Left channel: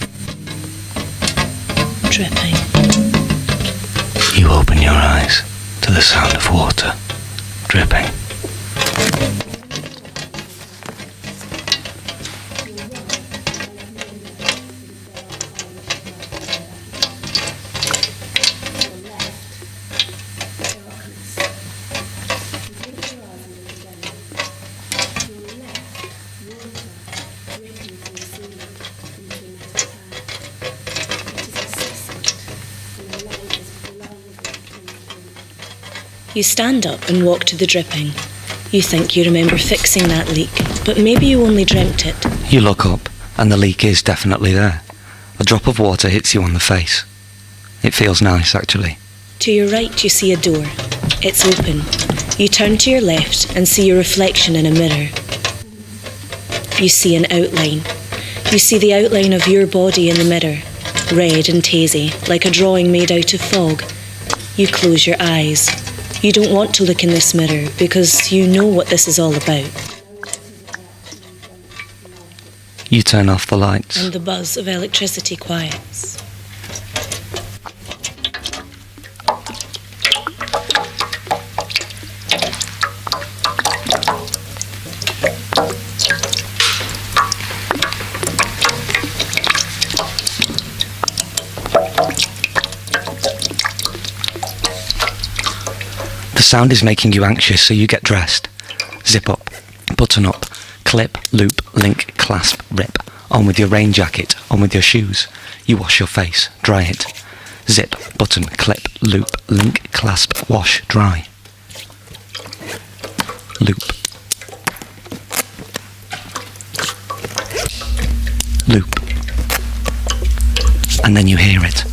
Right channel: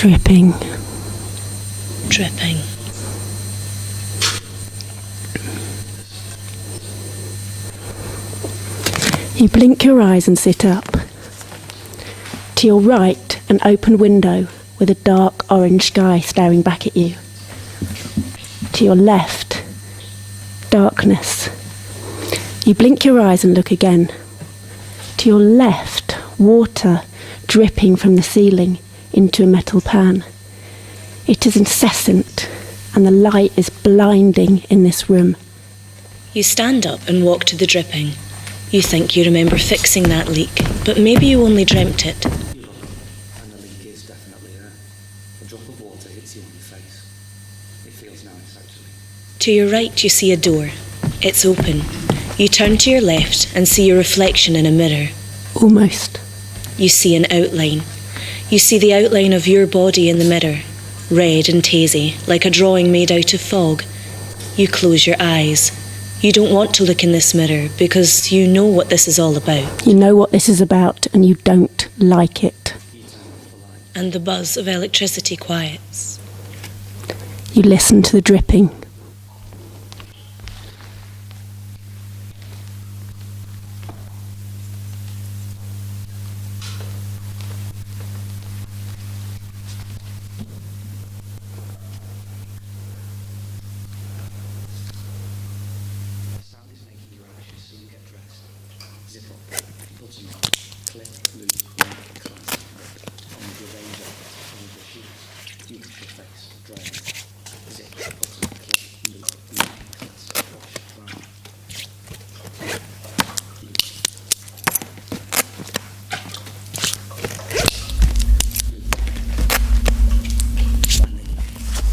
Dripping. Dripping. You open your eyes to the sound of water dripping. You blink your eyes and sit up. To your right, an open window with a dark orange sky staring back at you. To your left, darkness. You blink your eyes and look again. To your left, water dripping from the ceiling into a metal pan. It is incessant, and the light is blinding in this room. You stand up and walk to the dripping. You think you remember fixing that leak, but maybe you only dreamt it. You look up, and the leak is definitely there. A drop of water hits you on the face. It feels nice, actually. To your right, you see a door. It's open. You turn to your left and see your reflection in a mirror. Almost. You see an outline. You see the outline of your body in the mirror, red and hazy, like a drawing made out of fog. You close your eyes. You don't want to look in this mirror because you know what this is all about. You know what this is about and you don't like it. You turn off the lights. And the buzz of electricity quiets. You listen to the dripping. The sound is making you anxious, so you get dressed. Zip up, button up, clip, loop, link, clasp, rip. On with your rain jacket, on with your shoes. You wash your face, dry it. Zip, button, clip, loop, link, clasp, wash, dry. Loop. Loop. And then you hear it.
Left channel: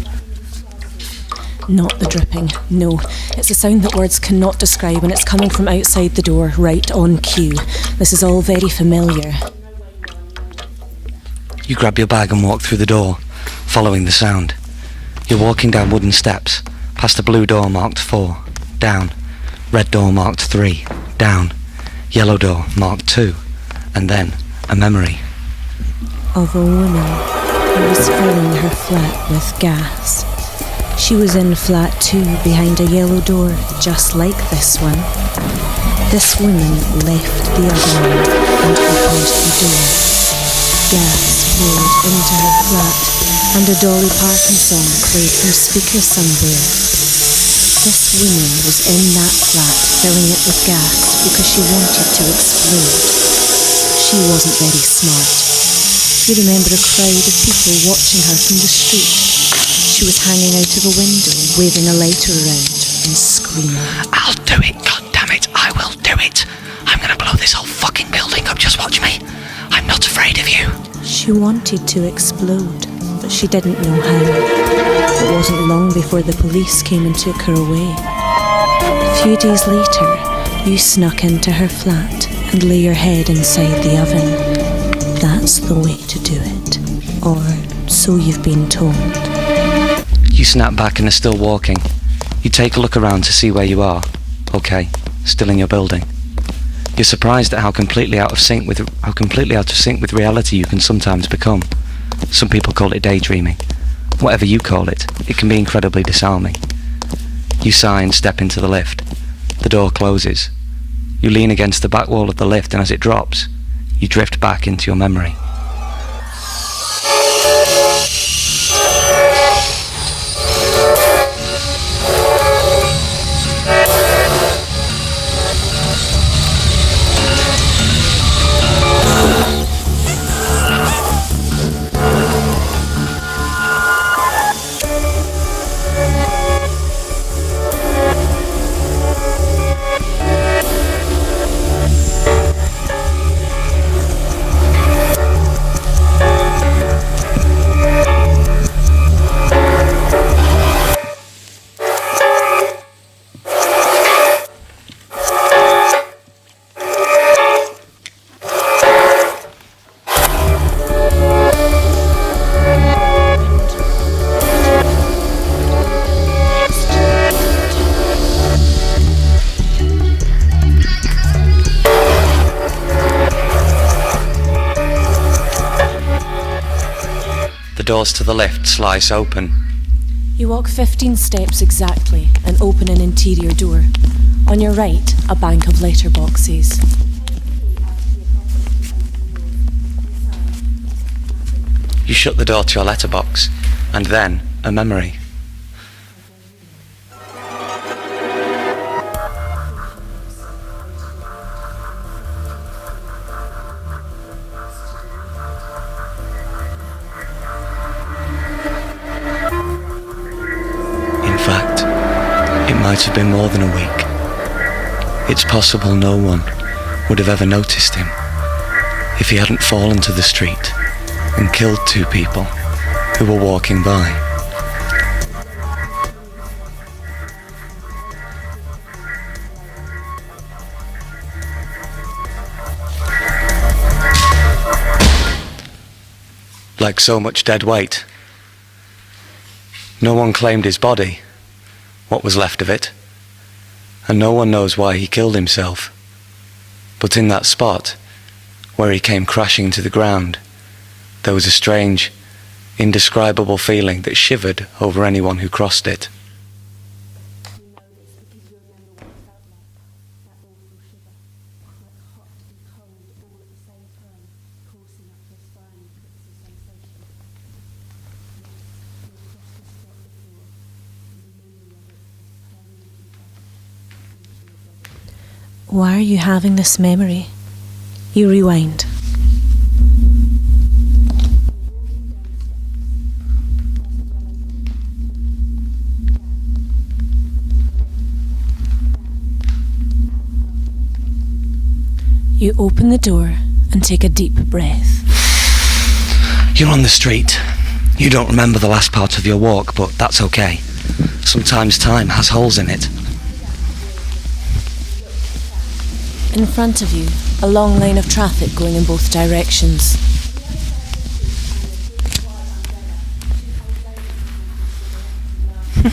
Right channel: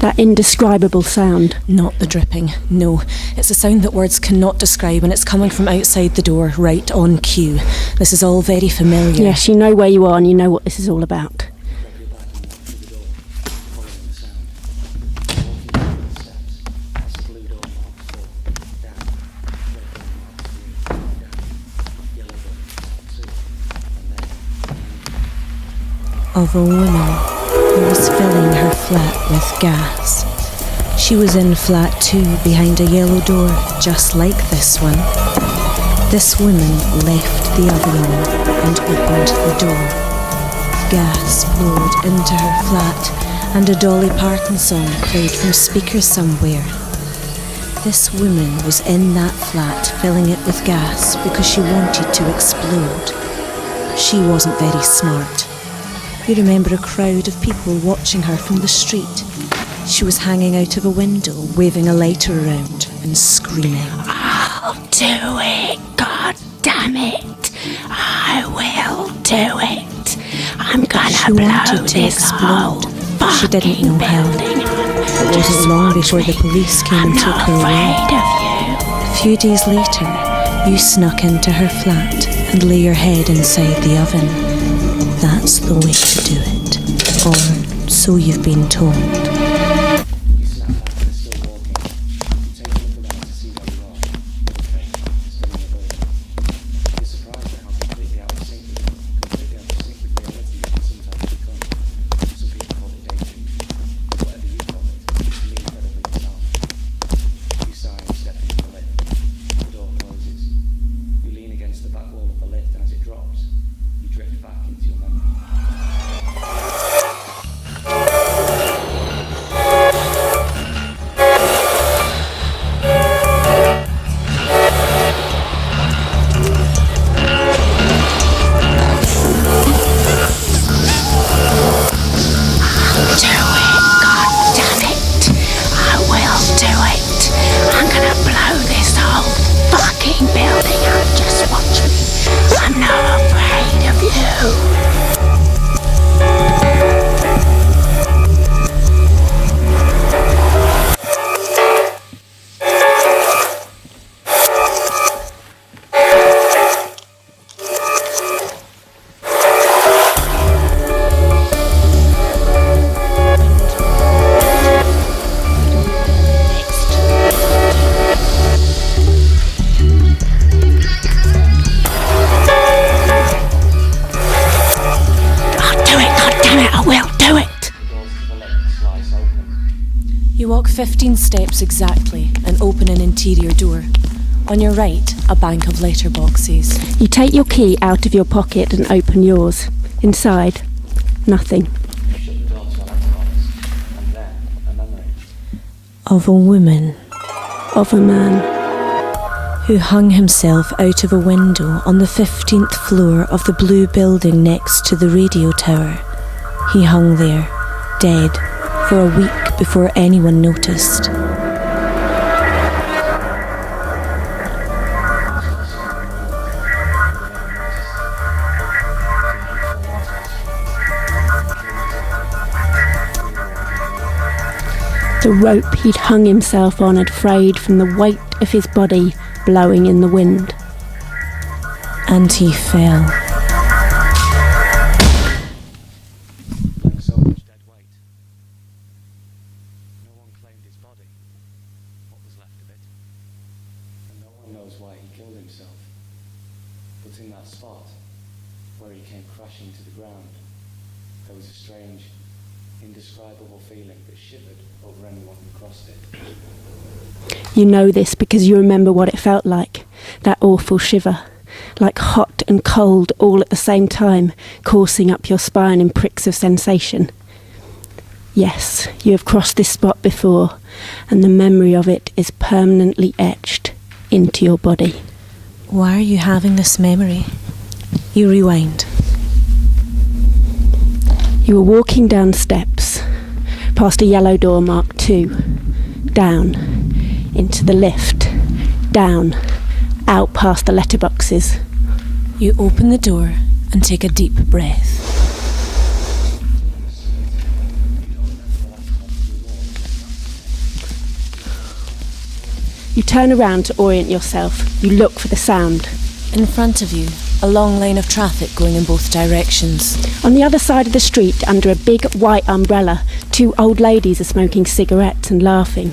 That indescribable sound. Not the dripping, no. It's a sound that words cannot describe, and it's coming from outside the door, right on cue. This is all very familiar. Yes, you know where you are and you know what this is all about. You grab your bag and walk through the door, following the sound. You're walking down wooden steps, past a blue door marked 4, down. Red door marked 3, down. Yellow door marked 2, and then a memory. Of a woman who was filling her flat with gas. She was in flat 2 behind a yellow door, just like this one. This woman left the other one and opened the door. Gas poured into her flat, and a Dolly Parton song played from speakers somewhere. This woman was in that flat filling it with gas because she wanted to explode. She wasn't very smart. You remember a crowd of people watching her from the street. She was hanging out of a window, waving a lighter around and screaming. I'll do it, goddammit, I will do it. I'm gonna blow this whole fucking building up, just watch me. I'm not afraid of you. She wanted to explode, but she didn't know how. It wasn't long before the police came and took her away. A few days later, you snuck into her flat and lay your head inside the oven. That's the way to do it, or so you've been told. You snap back and are still walking. You take a look around to see where you are. Okay, still in your building. You're surprised at how completely out of sync with reality you can sometimes become. Some people call it daydreaming. Whatever you call it, it can be incredibly disarming. You sigh and step into the lift. The door closes. You lean against the back wall of the lift, and as it drops, you drift back into your memory. The doors to the lift slice open. You walk 15 steps exactly and open an interior door. On your right, a bank of letterboxes. You take your key out of your pocket and open yours. Inside, nothing. You shut the door to your letterbox, and then a memory. Of a woman Of a man. who hung himself out of a window on the 15th floor of the blue building next to the radio tower. He hung there, dead, for a week before anyone noticed. In fact, it might have been more than a week. It's possible no one would have ever noticed him if he hadn't fallen to the street and killed two people who were walking by. The rope he'd hung himself on had frayed from the weight of his body blowing in the wind. And he fell. Like so much dead weight. No one claimed his body, what was left of it, and no one knows why he killed himself. But in that spot, where he came crashing to the ground, there was a strange, indescribable feeling that shivered over anyone who crossed it. You know this because you remember what it felt like, that awful shiver, like hot and cold all at the same time, coursing up your spine in pricks of sensation. Yes, you have crossed this spot before, and the memory of it is permanently etched into your body. Why are you having this memory? You rewind. You were walking down steps, past a yellow door marked 2, down, into the lift, down, out past the letterboxes. You open the door and take a deep breath. You're on the street. You don't remember the last part of your walk, but that's okay. Sometimes time has holes in it. You turn around to orient yourself. You look for the sound. In front of you, a long line of traffic going in both directions. On the other side of the street, under a big white umbrella, 2 old ladies are smoking cigarettes and laughing.